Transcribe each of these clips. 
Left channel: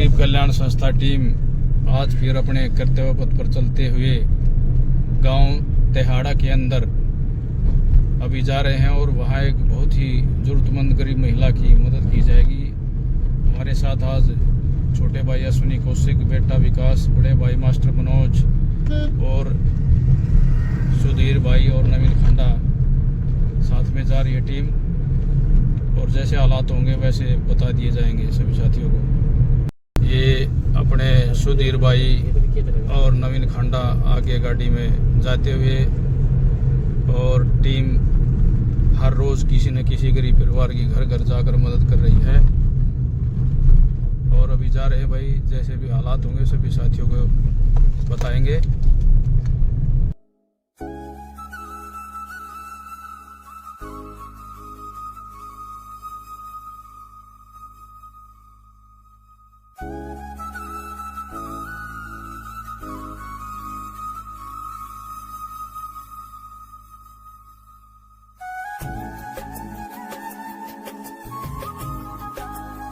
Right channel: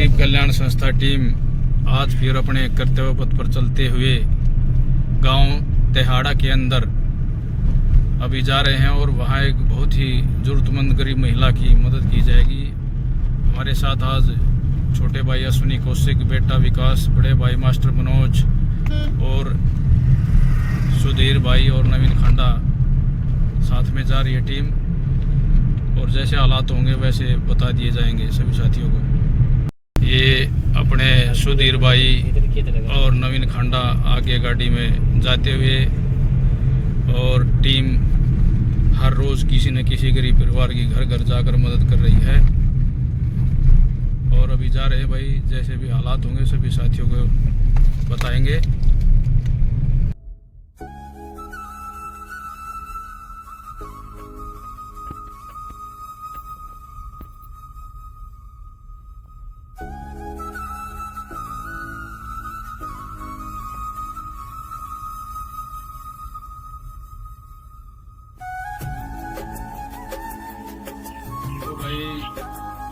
गरीब कल्याण संस्था टीम आज फिर अपने कर्तव्य पथ पर चलते हुए गांव तेहाड़ा के अंदर अभी जा रहे हैं और वहां एक बहुत ही जरूरतमंद गरीब महिला की मदद की जाएगी। हमारे साथ आज छोटे भाई अश्विनी कौशिक, बेटा विकास, बड़े भाई मास्टर मनोज और सुधीर भाई और नवीन खंडा साथ में जा रही है टीम। और जैसे हालात होंगे वैसे बता दिए जाएंगे सभी साथियों को। ये अपने सुधीर भाई और नवीन खंडा आगे गाड़ी में जाते हुए और टीम हर रोज किसी न किसी गरीब परिवार की घर घर जाकर मदद कर रही है। और अभी जा रहे हैं भाई, जैसे भी हालात होंगे सभी साथियों को बताएंगे।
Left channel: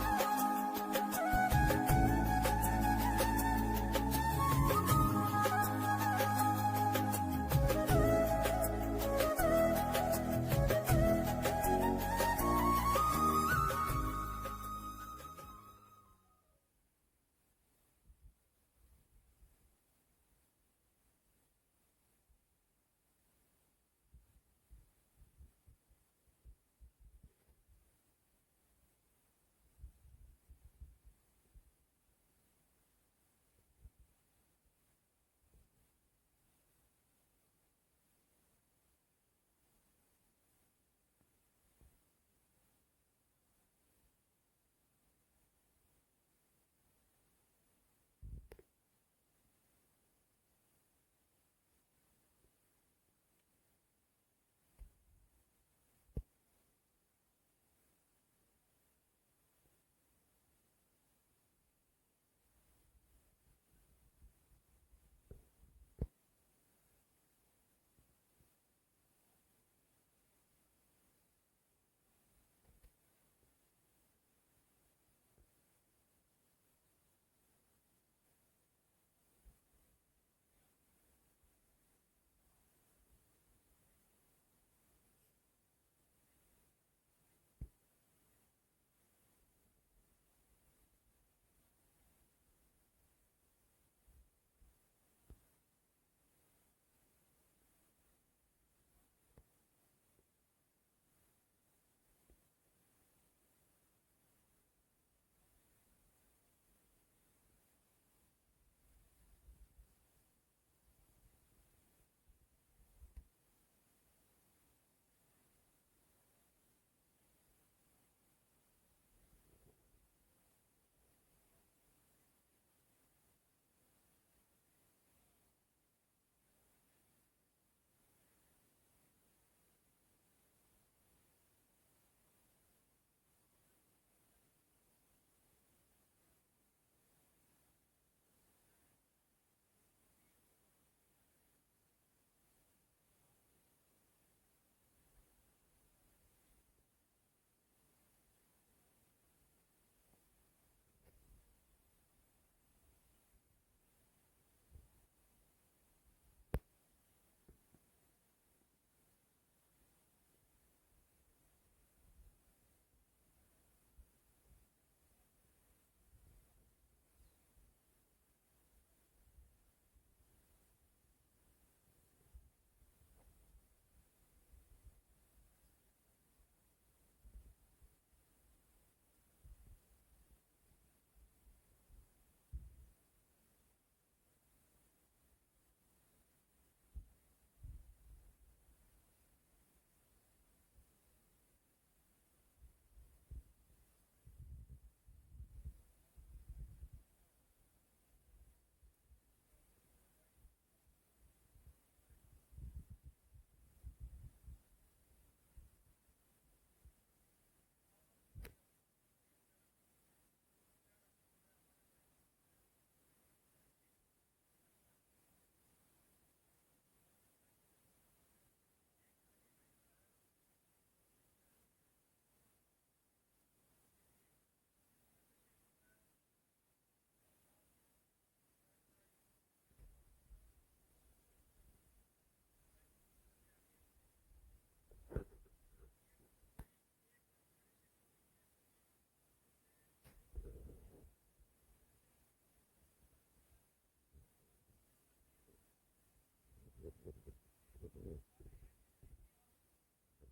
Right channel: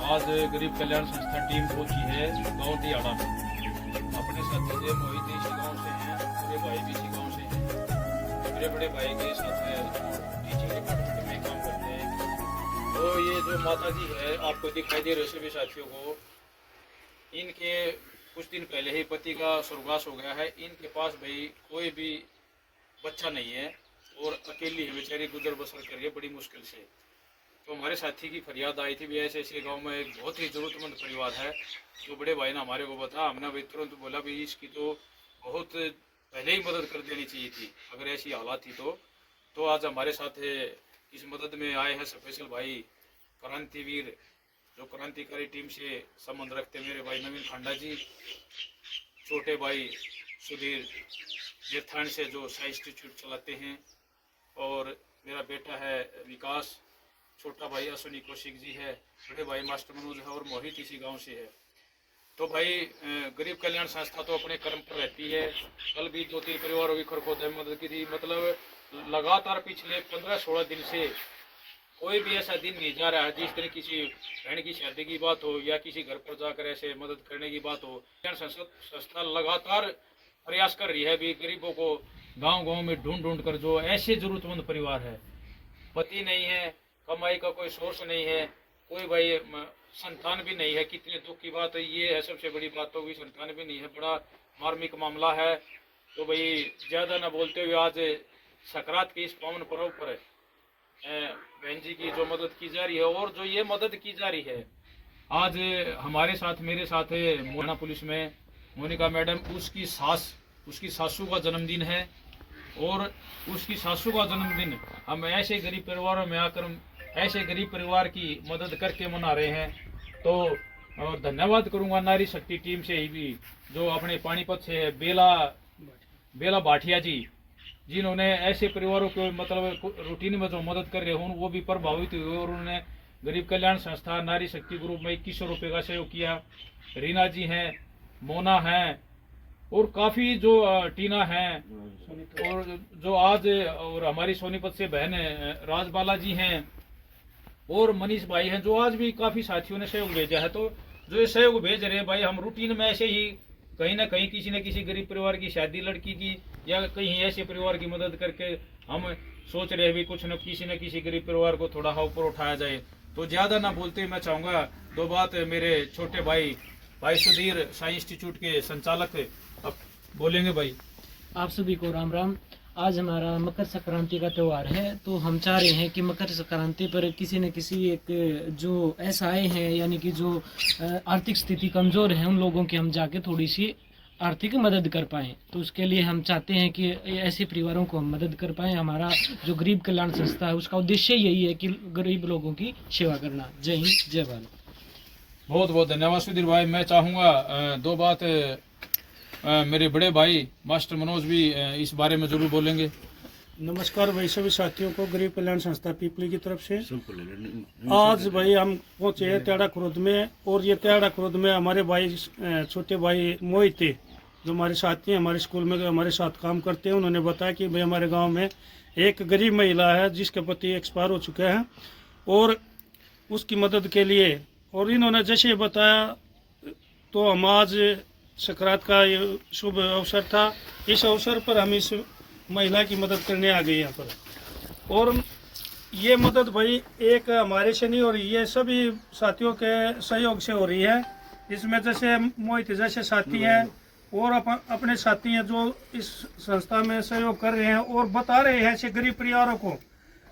आज गरीब कल्याण संस्था टीम पहुंची है गांव तेहाड़ा में। अपने साथी से मोहित इसी गांव से हैं, मेरे भाई भी इसी गांव से हैं। मेरे बड़े भाई के साथ टीचिंग डिपार्टमेंट में काम करते हैं। तो ये जो माता जी है आपको दिखाई दे रहे सभी साथियों को, इनके कुछ दिन पहले ही पति का स्वर्गवास हो गया है। इनके पास भाई कोई भी बच्चा नहीं है और अकेली है बेचारी, गुजर बसर कर रही है बड़ी मुश्किल से। तो हमारे साथी की फरियाद आई थी भी ऐसे ऐसे गांव में एक बहुत ही ज़रूरतमंद परिवार है। तो बड़े भाई ने हमारे को बताया, हमने भाई तुरंत बोला भी इसकी तो बहुत पहले ही मदद कर देनी चाहिए थी अगर ऐसी हालात थी तो आज हमारे साथ इस मदद में आए हैं स्पेशल भाई क्रांतिवीर, जो क्रांतिकारी टीम से संबंध रखते मेरे भाई नवीन खंडा जी, छोटे भाई सुधीर जेठान से जो साई इंस्टीट्यूट चलाते हैं, और मेरा बेटा है विकास, छोटा भाई अश्विनी कौशिक जी है, बड़े भाई मास्टर मनोज है और मोहित इसी गांव से है। तो भाई गरीब कल्याण संस्था तो अपने कर्म पर रहती है। कल भी 2-3 परिवारों की खरखोद मदद की थी। मतलब लगातार पिछले 15-16 दिन से कोई भी ऐसा दिन नहीं जा रहा है जिस तरह किसी बहन की शादी की बात हो या किसी घर पर जाकर ऐसे मदद करने की बात हो। कल्याण संस्था लगातार प्रयास कर रही है भी गरीबों को गाँव गाँव में ढूंढ ढूंढ कर, जो ऐसे जरूरतमंद परिवार है, पति नहीं है, कमाई का कोई सोर्स नहीं है, कोई भाई संतान भी नहीं है। कितने दुख की बात है ये है, सबसे बड़ी बात तो भी संतान भी नहीं है, बड़ा मार्मिक मामला है। तो भाई ज़्यादा ना बोलते हुए आज सकरात के इस पावन पर्व पर बहन जी की जो मदद की जा रही है और जो ये मदद की जा रही है, आज हमारे साथ मेरे साथ है मोहना पुलिस में मोनिका मैडम, उसकी सासू का जन्मदिन है और उसकी सासू का जन्मदिन हम ऐसे गरीब परिवारों में आकर ऐसे गरीब परिवार की मदद करके मना रहे हैं। तो और धन्यवाद करूंगा नारी शक्ति टीम से ही भी, जो अपने पानीपत से बेला भाटिया जी, जिन्होंने ऐसे परिवारों को मतलब रूटीन में जो मदद कर रहे हों वो भी प्रभावित हुए और उन्होंने गरीब कल्याण संस्था नारी शक्ति ग्रुप में 2100 रुपये का सहयोग किया। रीना जी हैं, मोना हैं और काफ़ी जो टीना हैं और जो आज और हमारी सोनीपत से बहन राजबाला जी हैं और मनीष भाई हैं, जो आज भी काफ़ी साथियों ने सहयोग भेजा है। तो जो ये सहयोग भेज रहे हैं भाई, हम रूटीन में ऐसे ही कहीं ना कहीं किसी न किसी गरीब परिवार की शादी लड़की की या कहीं ऐसे परिवार की मदद करके हम सोच रहे हैं भी कुछ न किसी गरीब परिवार को थोड़ा ऊपर उठाया जाए। तो ज़्यादा ना बोलते मैं चाहूँगा 2 बात मेरे छोटे भाई सुधीर साई इंस्टीट्यूट के संचालक अब बोलेंगे। भाई आप सभी को राम राम। आज हमारा मकर संक्रांति का त्यौहार है, तो हम चाह रहे हैं कि मकर संक्रांति पर किसी न किसी एक जो ऐसा आए हैं यानी कि जो आर्थिक स्थिति कमज़ोर है उन लोगों की हम जाके थोड़ी सी आर्थिक मदद कर पाएँ। तो उसके लिए हम चाहते हैं कि ऐसे परिवारों को हम मदद कर पाएँ। हमारा जो गरीब कल्याण संस्था है उसका उद्देश्य यही है कि गरीब लोगों की सेवा करना। जय हिंद, जय भारत। बहुत बहुत धन्यवाद सुधीर भाई। मैं चाहूँगा 2 बात मेरे बड़े भाई मास्टर मनोज भी इस बारे में जरूर बोलेंगे। नमस्कार भाई सभी साथियों को, गरीब कल्याण संस्था पीपली की तरफ से आज भाई हम पहुंचे हैं तेहाड़ा खुर्द में। और ये तेहाड़ा खुर्द में हमारे भाई छोटे भाई मोहित थे, जो हमारे साथी हैं, हमारे स्कूल में हमारे साथ काम करते हैं। उन्होंने बताया कि भाई हमारे गांव में एक गरीब महिला है जिसके पति एक्सपायर हो चुके हैं और उसकी मदद के लिए, और इन्होंने जैसे बताया तो हम आज सकरात का ये शुभ अवसर था। इस अवसर पर हम इस महिला की मदद करने आ गए यहाँ पर। और ये मदद भाई एक हमारे से नहीं हो रही है, सभी साथियों के सहयोग से हो रही है। इसमें जैसे मोहित जैसे साथी हैं और अपने साथी हैं जो इस संस्था में सहयोग कर रहे हैं और बता रहे हैं ऐसे गरीब परिवारों को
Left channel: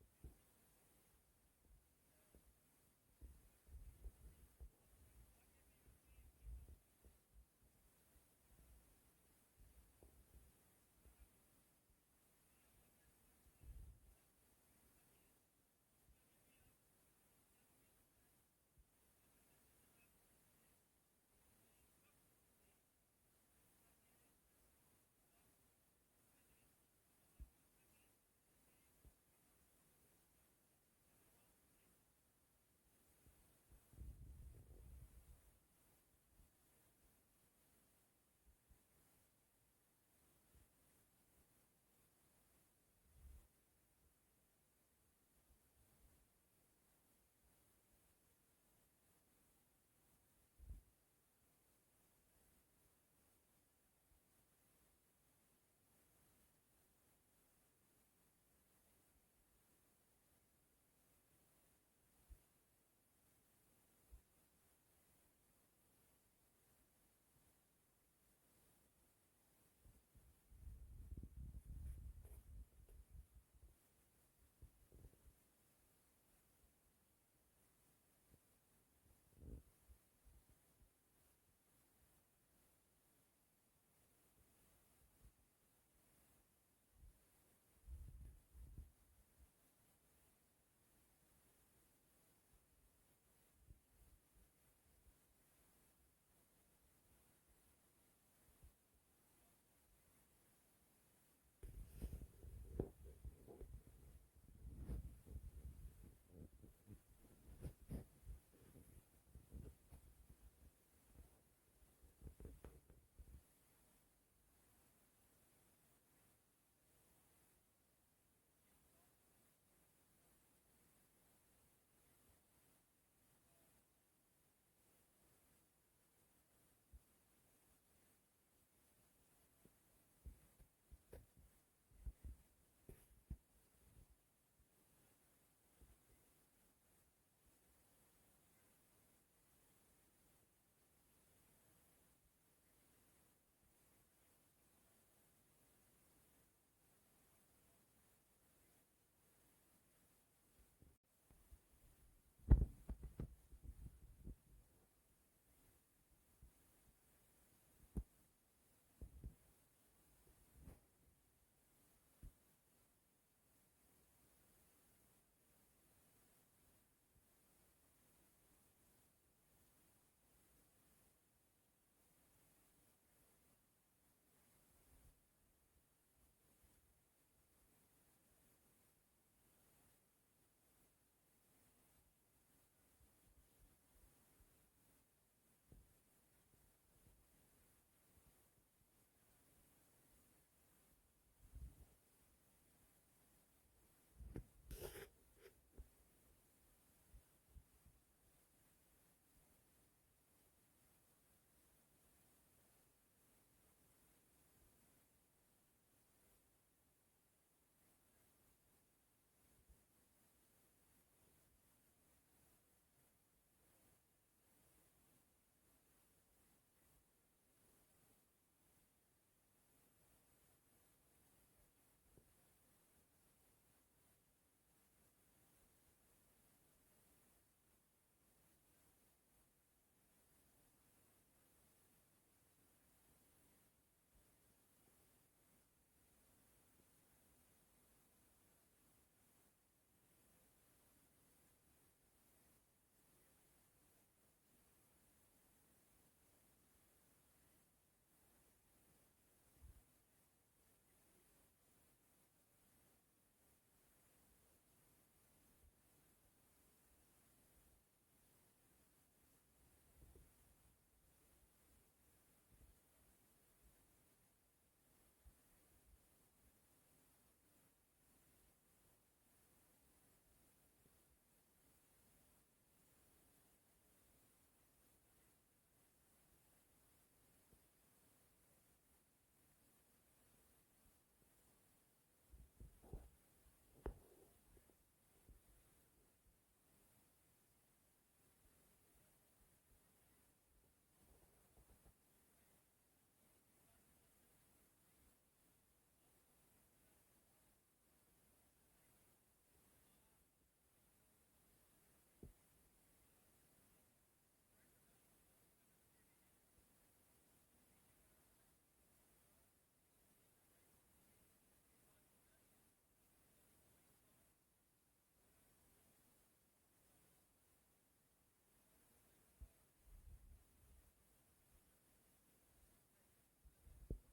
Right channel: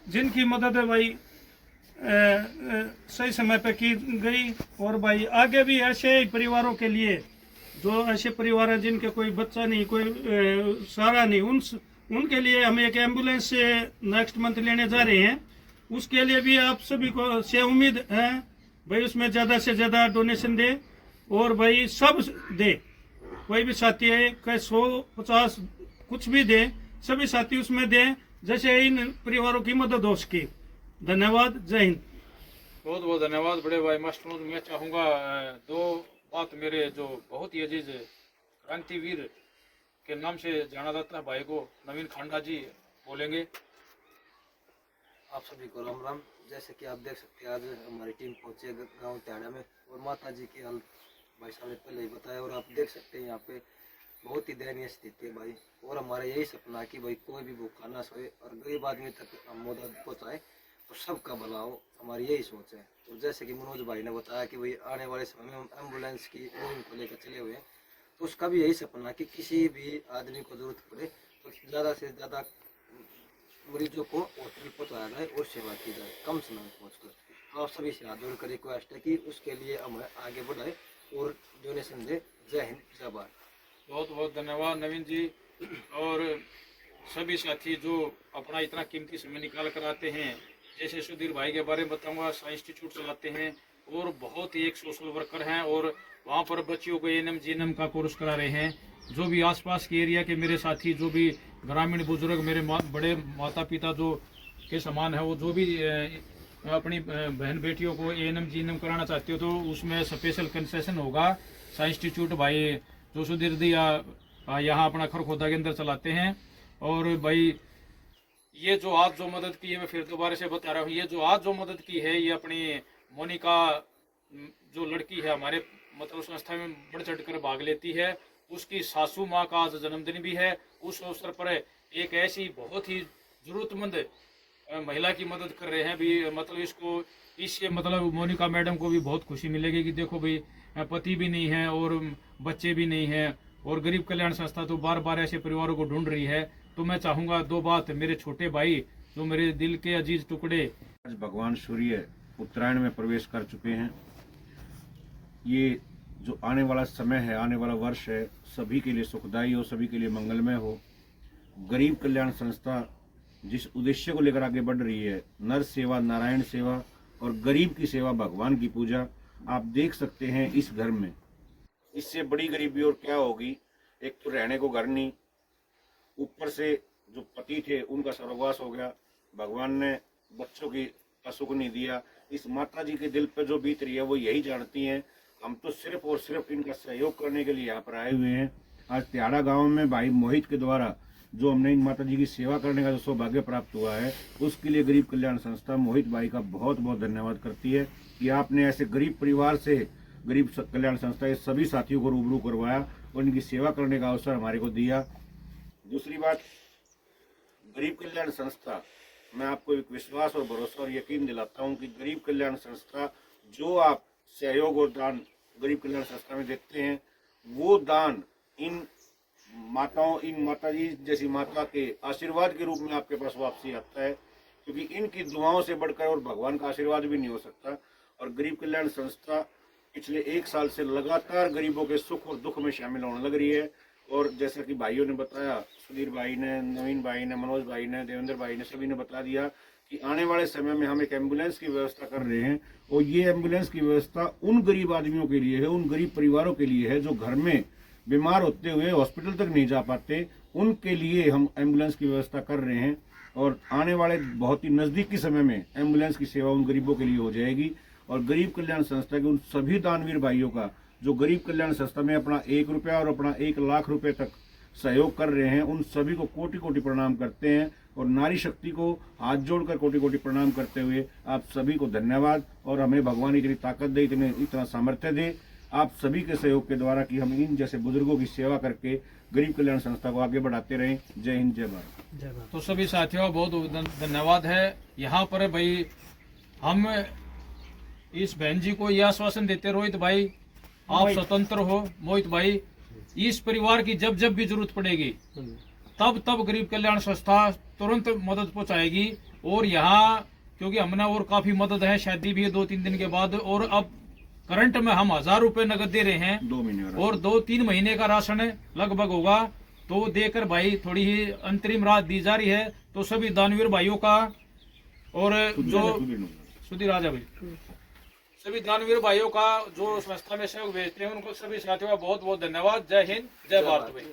जिनकी मदद है भाई सही समय पे की गई। और भाई आगे भी ऐसे परिवारों के लिए, जो ऐसे परिवार हैं जिनके कोई बच्चा नहीं, कोई सहारा नहीं, उनके लिए हम एक एम्बुलेंस से नेक्स्ट मंथ लेने जा रहे हैं। उसके लिए भी आप सभी को से उम्मीद है भाई उसमें ज़्यादा से ज़्यादा डोनेशन दे और भाई सब दे। कोई भी साथी है कहीं 100-50 कुछ भी दे, सभी साथी उसमें दें जैसे इन परिवारों की मदद हो सके। धन्यवाद, जय हिंद। बहुत बहुत धन्यवाद बड़े भाई मास्टर। मैं चाहूँगा दो बात मेरे जो बहुत ही अजीज क्रांतिवीर के नाम से जाना जाता है भाई को नवीन खांडा जी बोलेंगे। आप सभी को राम राम। जैसे कि आप देख सकते हैं आज हमारी टीम पहुंचे गांव त्याड़ा में और माता जी की हालत भाई साहब ने पहले ही बताया और आप देख सकते हैं यहाँ पे बहुत ही दयनीय स्थिति है भाई। और हमारा यही सपना है कि भाई कोई भी भूखा ना सोए और गरीब आदमी तक हम मदद पहुँचाए तो सबका भला हो, हमारी यही सोच है। और जैसे कि मनोज भाई ने बताया कि भाई आने वाले समय में हम एम्बुलेंस की मुहिम को लेकर चले हुए हैं, तो उसका भी यही सपना है कि किसी भी आदमी को जरूरत पड़े तो ज़्यादा से ज़्यादा मरीजों को हॉस्पिटल पहुँचाया जाए और सेवा की जाए कम समय में पहुँचकर। तो आप सभी से हाथ जोड़कर रिक्वेस्ट है कि उसके लिए हमें आगे बढ़ाए और डोनेशन दे। जय हिंद, जय भारत। बहुत बहुत धन्यवाद नवीन जी। और सभी साथी जो अपना इतना कीमती समय निकाल कर आते हैं, जैसे सुधीर भाई के बारे में बताऊंगा, साइंस इंस्टीट्यूट चलाते हैं और बहुत ही एक सोशल वर्कर हैं और वहाँ पर बच्चियों को एएनएम जीएनएम का कोर्स करा रहे हैं। जो भी आसपास के एरिया के मेरे साथी, जो भी ग्रामीण बुजुर्ग मेरे बड़े माता पिता जो के समान है, वो जो भी अपनी बहन बेटियों को एएनएम जीएनएम कराना चाहते हो तो उसमें स्पेशल कंसेशन होगा। साइंस इंस्टीट्यूट भाई जो सुधीर दिया यहाँ अपना खरखोदा के अंदर चलाते हैं। और भाई ये जो आज जो मदद की है, मैं फिर दोबारा से बता रहा हूँ, ये जो आज जो मदद की है ये अपनी मोनिका जो लड़की है हमारे मतलब संस्था में बढ़ चढ़ कर भाग लेती है, उसकी सासू माँ का आज जन्मदिन भी है। उस अवसर पर एक ऐसी बहुत ही जरूरतमंद महिला की मदद कर रहे हैं भी, मतलब इसको इससे मतलब मोनिका मैडम को भी बहुत खुशी मिलेगी कि देखो भाई पति भी नहीं है और बच्चे भी नहीं है और गरीब कल्याण संस्था तो बार बार ऐसे परिवारों को ढूंढ रही है। तो मैं चाहूँगा दो बात, मेरे छोटे भाई जो मेरे दिल के अजीज टुकड़े, आज भगवान सूर्य उत्तरायण में प्रवेश कर चुके हैं। ये जो आने वाला समय है, आने वाला वर्ष है, सभी के लिए सुखदायी हो, सभी के लिए मंगलमय हो। गरीब कल्याण संस्था जिस उद्देश्य को लेकर आगे बढ़ रही है, नर सेवा, नारायण सेवा और गरीब की सेवा, भगवान की पूजा, आप देख सकते हैं इस घर में इससे बड़ी गरीबी और क्या होगी। एक तो रहने को घर नहीं, ऊपर से जो पति थे उनका स्वर्गवास हो गया, भगवान ने बच्चों की सुख नहीं दिया। इस माता जी के दिल पर जो बीत रही है वो यही जानती हैं। हम तो सिर्फ और सिर्फ इनका सहयोग करने के लिए यहाँ पर आए हुए हैं। आज त्याड़ा गांव में भाई मोहित के द्वारा जो हमने इन माता जी की सेवा करने का जो सौभाग्य प्राप्त हुआ है, उसके लिए गरीब कल्याण संस्था मोहित भाई का बहुत बहुत धन्यवाद करती है कि आपने ऐसे गरीब परिवार से गरीब कल्याण संस्था के सभी साथियों को रूबरू करवाया और इनकी सेवा करने का अवसर हमारे को दिया। दूसरी बात, गरीब कल्याण संस्था, मैं आपको एक विश्वास और भरोसा और यकीन दिलाता हूं कि गरीब कल्याण संस्था जो आप सहयोग और दान गरीब कल्याण संस्था में देते हैं, वो दान इन माताओं, इन माता जी जैसी माता के आशीर्वाद के रूप में आपके पास वापसी आता है, क्योंकि इनकी दुआओं से बढ़कर और भगवान का आशीर्वाद भी नहीं हो सकता। और गरीब कल्याण संस्था पिछले 1 साल से लगातार गरीबों के सुख और दुख में शामिल होने लग रही है। और जैसा कि भाइयों ने बताया, सुधीर भाई ने, नवीन भाई ने, मनोज भाई ने, देवेंद्र भाई ने, सभी ने बता दिया कि आने वाले समय में हम एक एम्बुलेंस की व्यवस्था कर रहे हैं। और ये एम्बुलेंस की व्यवस्था उन गरीब आदमियों के लिए है, उन गरीब परिवारों के लिए है जो घर में बीमार होते हुए हॉस्पिटल तक नहीं जा पाते, उनके लिए हम एम्बुलेंस की व्यवस्था कर रहे हैं। और आने वाले बहुत ही नज़दीकी समय में एम्बुलेंस की सेवा उन गरीबों के लिए हो जाएगी। और गरीब कल्याण संस्था के उन सभी दानवीर भाइयों का जो गरीब कल्याण संस्था में अपना 1 रुपया और अपना 1 लाख रुपए तक सहयोग कर रहे हैं, उन सभी को कोटि कोटि प्रणाम करते हैं। और नारी शक्ति को हाथ जोड़कर कोटि कोटि प्रणाम करते हुए आप सभी को धन्यवाद। और हमें भगवान इतनी ताकत दे, इतना सामर्थ्य दे आप सभी के सहयोग के द्वारा कि हम इन जैसे बुजुर्गों की सेवा करके गरीब कल्याण संस्था को आगे बढ़ाते रहें। जय हिंद, जय भारत। तो सभी साथियों बहुत धन्यवाद है। यहाँ पर भाई हम इस बहन जी को यह आश्वासन देते, रोहित भाई आप स्वतंत्र हो, मोहित भाई इस परिवार की जब जब भी जरूरत पड़ेगी तब तब गरीब कल्याण संस्था तुरंत मदद पहुंचाएगी। और यहाँ क्योंकि हमने और काफी मदद है, शादी भी है 2-3 दिन के बाद, और अब करंट में हम 1000 रुपए नगद दे रहे हैं 2 महीने और 2-3 महीने का राशन लगभग होगा, तो देकर भाई थोड़ी ही अंतरिम राहत दी जा रही है। तो सभी दानवीर भाइयों का और जो सुधीर राजा भाई, सभी दानवीर भाइयों का जो संस्था में सहयोग भेजते हैं उनको सभी साथियों का बहुत बहुत धन्यवाद। जय हिंद, जय भारत भाई।